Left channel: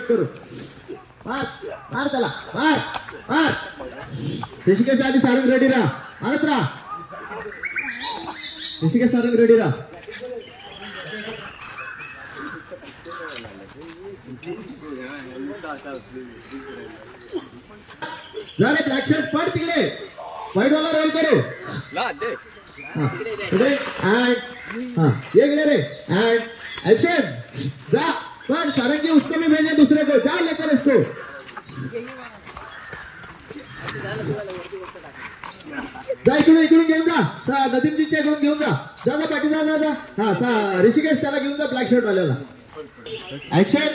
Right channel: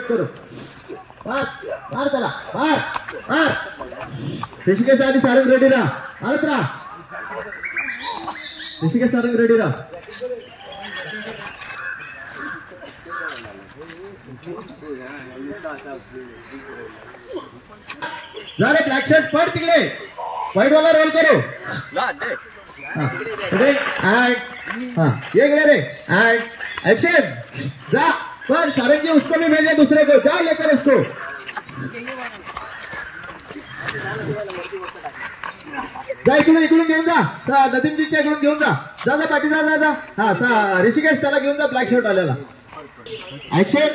करू मार त्याला मार ऋषिकेश आधी सारंग रेडी राहा आलत राहा ऋषिकेश सारंग रेडी राहा झाले ब्लॅक शर्ट पड तिकडे व्हाईट वाला रोल करू ये रे एंड एक्शन जा पर सारंग जी उसको भी भेजे दूसरे को जा लेकर उसको जा इकडून घेऊन जा नदीमजीच्या इकडून घेऊन जा पाठी जा हा ऋषिकेश त्याला घेऊन जा ब्लॅक शर्ट वाल्याला ऍक्शन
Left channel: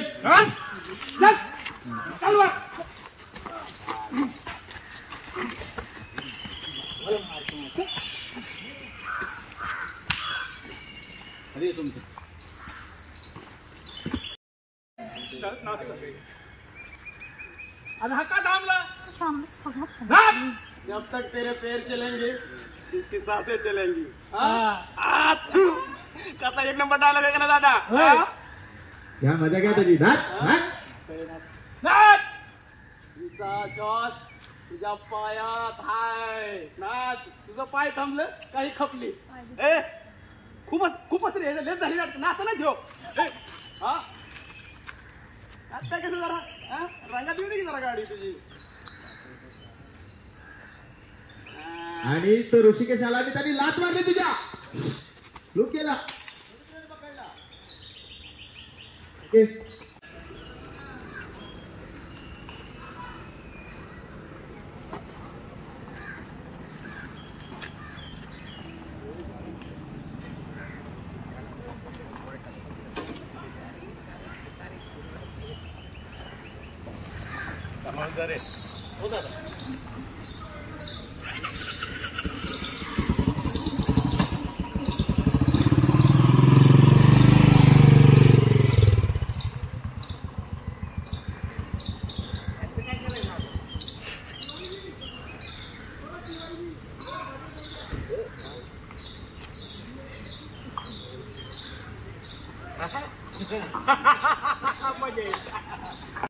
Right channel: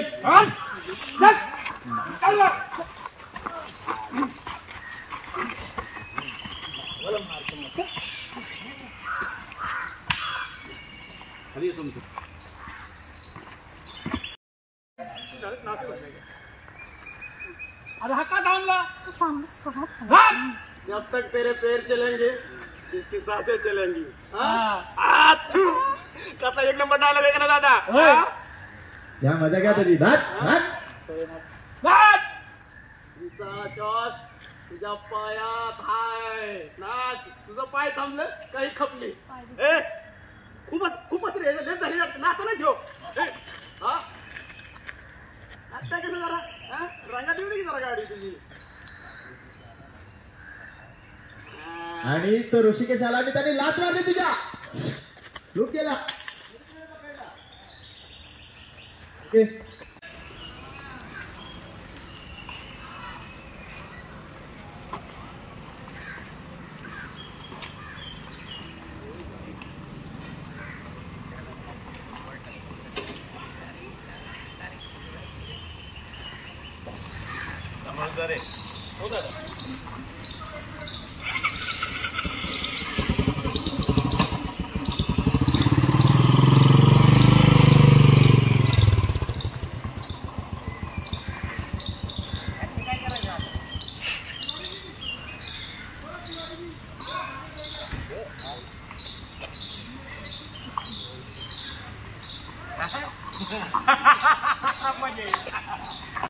अरे हक्का थांबला जब तक तेरे पैर चलेंगे इसकी सांसें चलेंगी कसा एक नंबर डायलॉग आहे ना दादा क्या मजा क्या तुझी नाच तिचा श्वास तुझ्या पायात हाय नाच तुझं पाय थांबलं काही खपली खूपच रे झाली नाचा नाही ठेव आता कसं जरा रंगात येऊ दे जरा गाडी तुझी आणि तो ऋषिकेश आला आणि त्याने लात मारली तुझ्या लूक केला हो दादा मजा येईल